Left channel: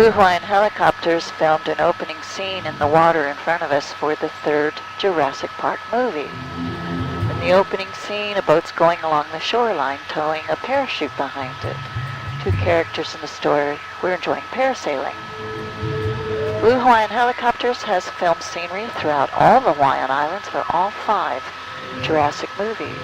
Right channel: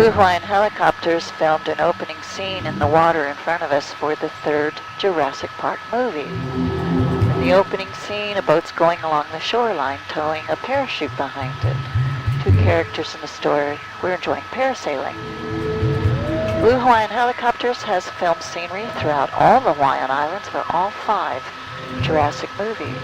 Blue Hawaiian Helicopters filmed an opening scene in the water in front of us for the third Jurassic Park movie. In the opening scene, a boat's going along the shoreline towing a parachute behind it. Two characters in the story were enjoying parasailing. Blue Hawaiian Helicopters has filmed scenery throughout all the Hawaiian Islands for all 5 Jurassic movies.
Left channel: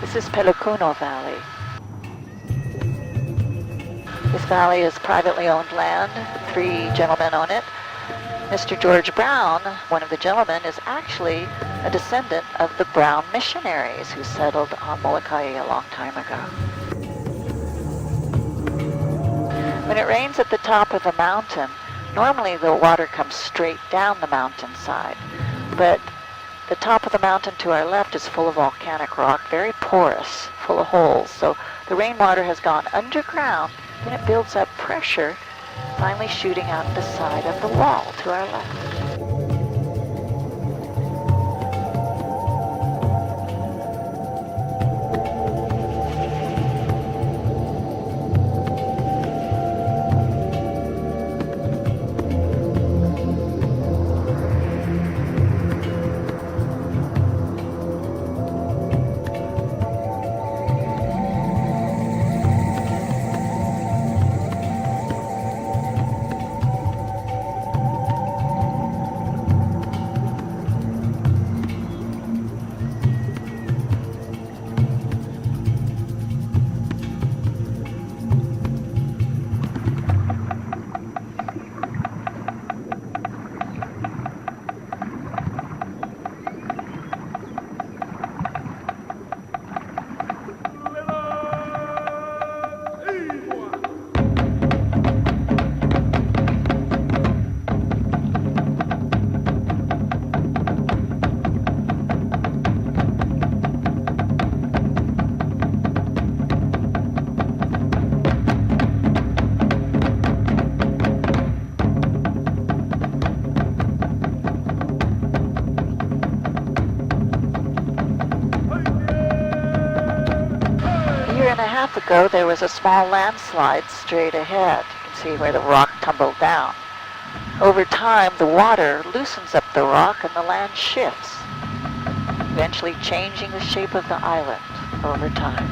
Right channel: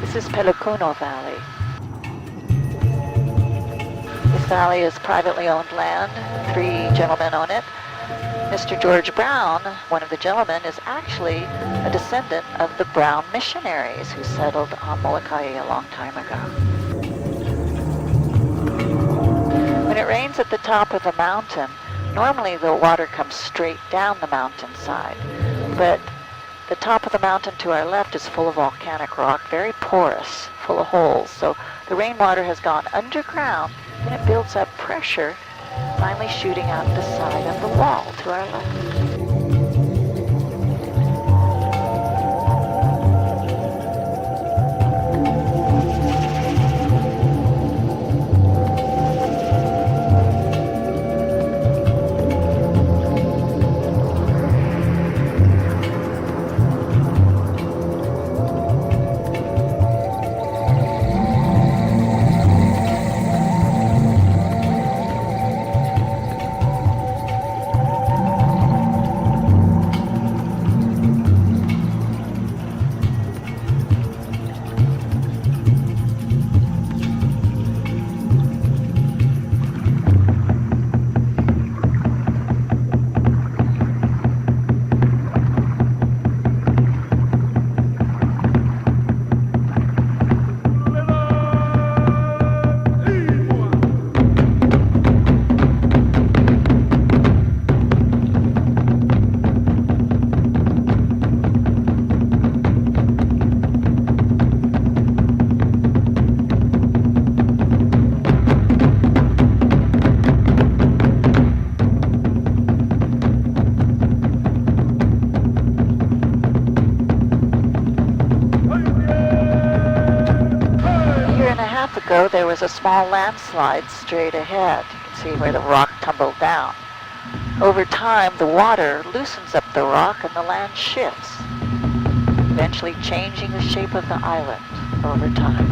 This is Pelikuno Valley. This valley is privately owned land. 3 gentlemen own it. Mr. George Brown, one of the gentlemen, is actually a descendant of the Brown missionaries who settled on Molokai a long time ago. When it rains at the top of the mountain, normally the water comes straight down the mountainside, but the top of the mountain to our left is full of volcanic rock, very porous, full of holes. So the rainwater has gone underground, and it builds up pressure, finally shooting out the side of the wall to our left. Ago, there was a small landslide straight ahead. You can see where the rock tumbled down. Over time, the water loosens up the rock and the land shifts, eventually changing the shape of the island over time.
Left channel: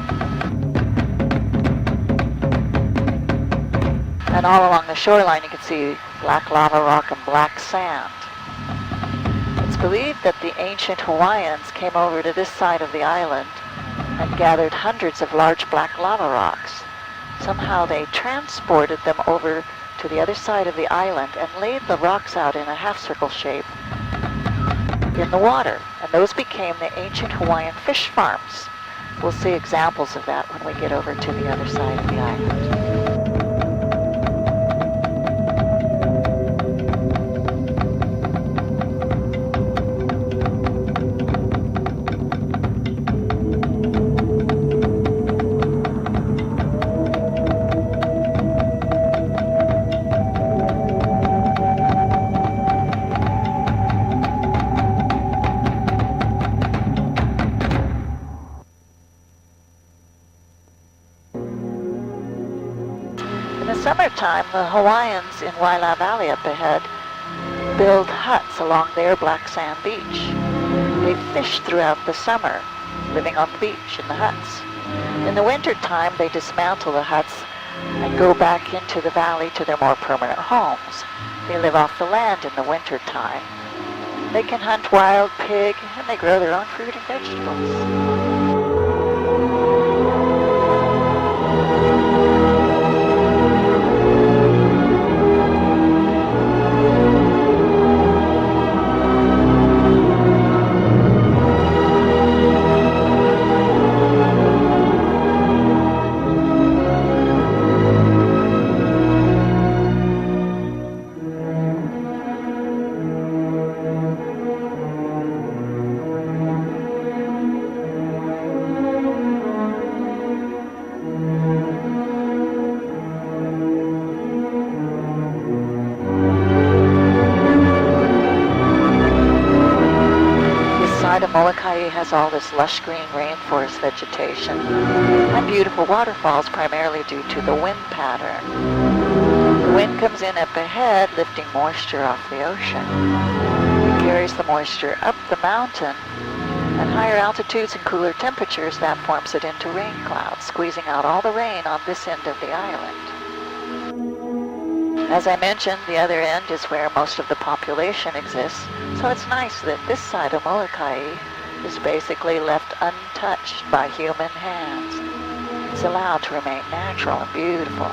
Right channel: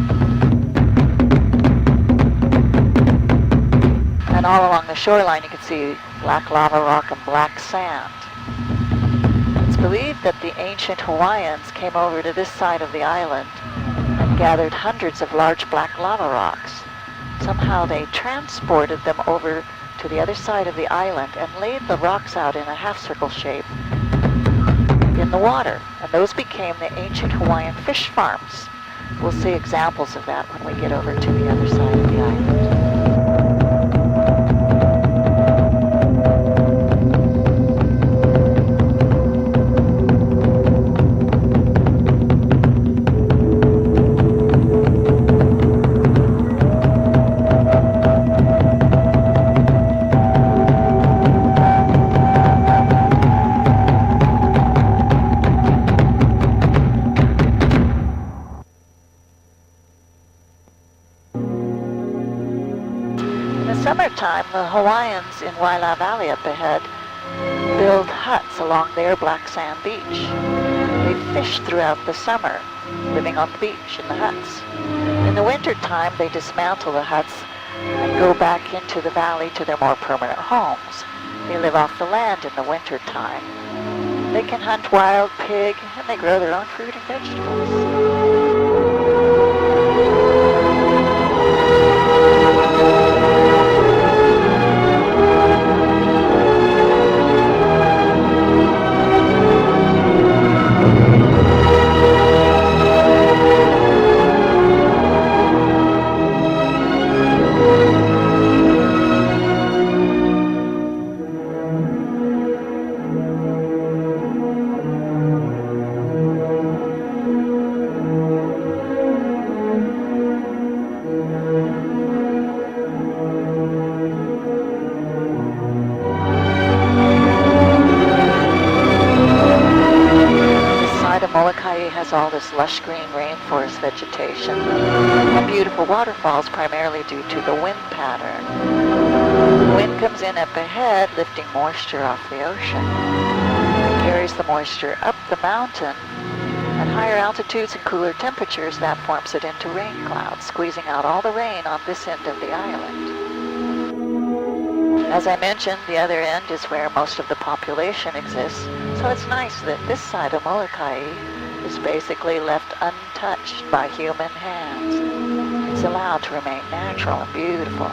And all along the shoreline, you can see black lava rock and black sand. It's believed that the ancient Hawaiians came over to this side of the island and gathered hundreds of large black lava rocks. Somehow they transported them over to the other side of the island and laid the rocks out in a half-circle shape in the water. And those became the ancient Hawaiian fish farms. We'll see examples of that when we get over to the other side of the island. In the summertime, the Hawaiians in Wailea Valley up ahead build huts along their black sand beach. They fish throughout the summer, living on the beach in the huts. In the wintertime, they dismantle the huts and go back into the valley to their more permanent homes. They live off the land in the wintertime. They can hunt wild pig, and they grow their own fruit and vegetables. Molokai has all this lush green rainforest vegetation and beautiful waterfalls, primarily due to the wind pattern. The wind comes in up ahead, lifting moisture off the ocean. It carries the moisture up the mountain. At higher altitudes and cooler temperatures, that forms it into rain clouds, squeezing out all the rain on this end of the island. As I mentioned, the other end is where most of the population exists, so it's nice that this side of Molokai is basically left untouched by human hands. It's allowed to remain natural and beautiful.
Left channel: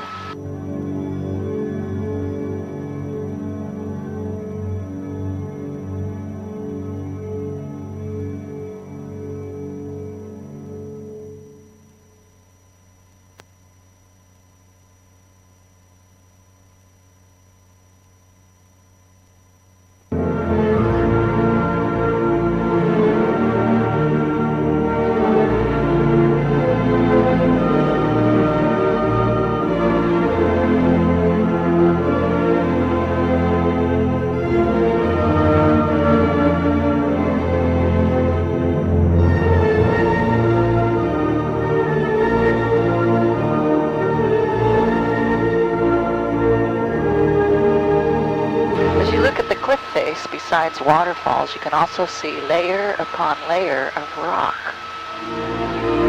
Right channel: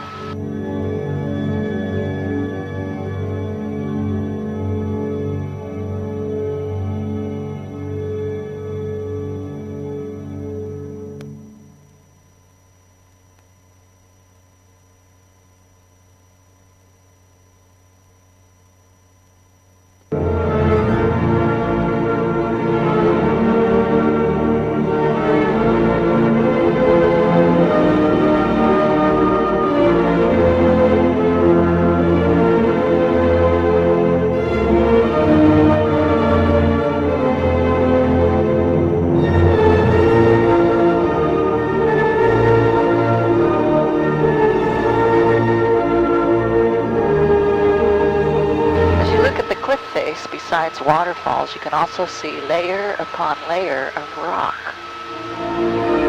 Besides waterfalls, you can also see layer upon layer of rock.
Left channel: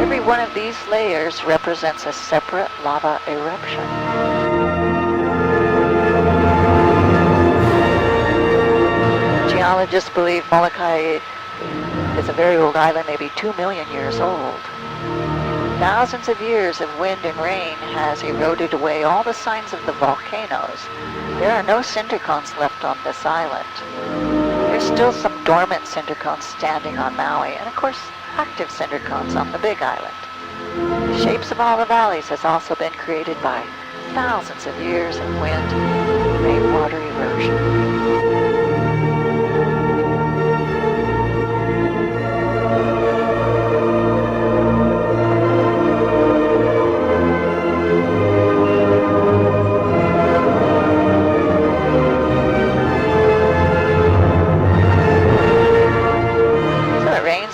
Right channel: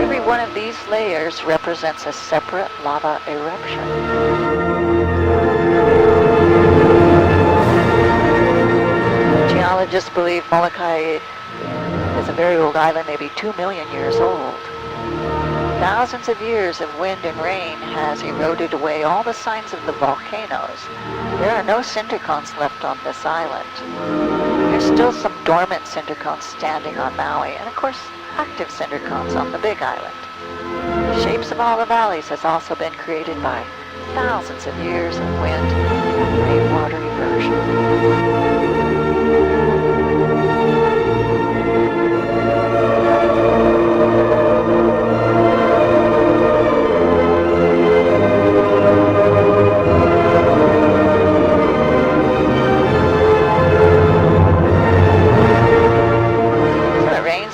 Every one of these layers represents a separate lava eruption. Geologists believe Molokai is a very old island, maybe 2 million years old. Thousands of years of wind and rain has eroded away all the signs of the volcanoes. There are no cinder cones left on this island. There's still some dormant cinder cones standing on Maui, and of course, active cinder cones on the Big Island. The shapes of all the valleys has also been created by thousands of years of wind and rainwater erosion.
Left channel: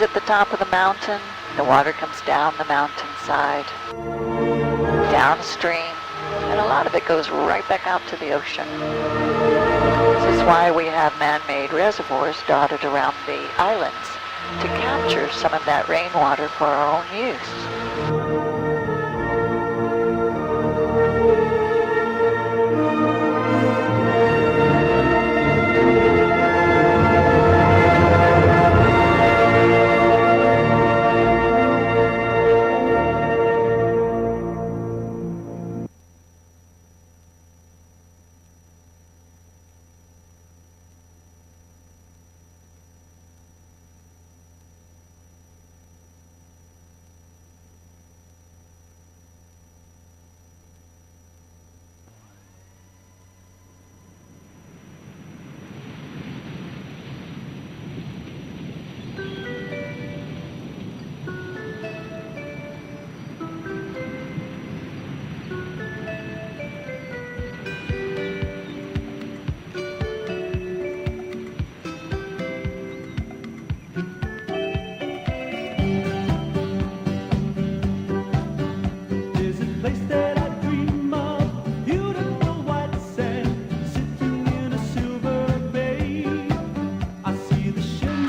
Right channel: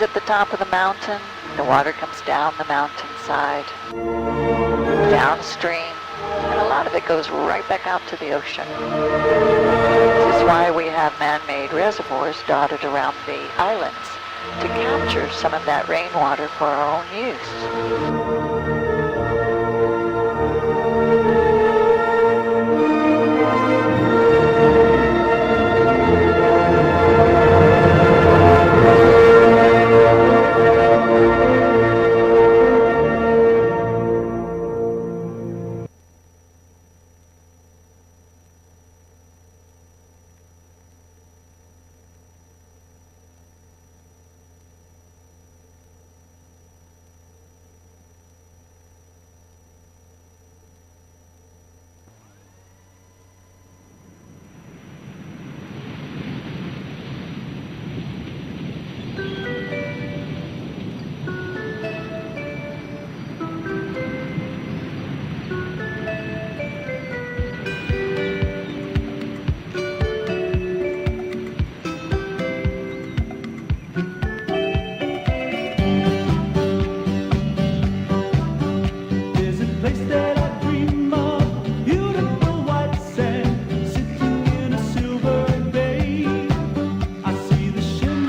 At the top of the mountain, the water comes down the mountainside, downstream, and a lot of it goes right back out to the ocean. This is why we have man-made reservoirs dotted around the islands to capture some of that rainwater for our own use.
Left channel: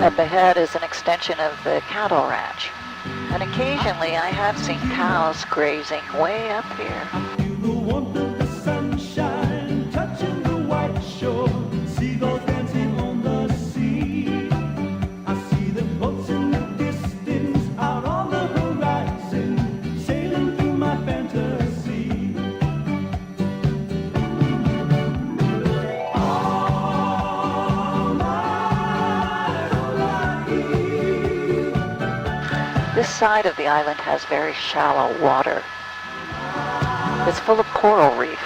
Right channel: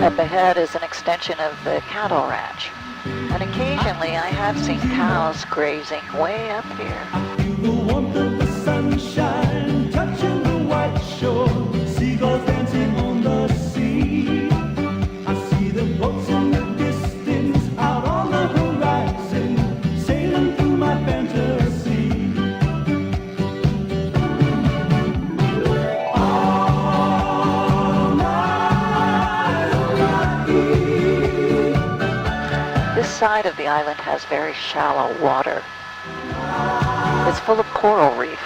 Up ahead is an extension of the cattle ranch, and occasionally I have seen cows grazing way up here. I feel the warmth of the sunshine touching the white shore, seagulls dancing on the sea. This side of the island has very shallow water. It's full of coral reef.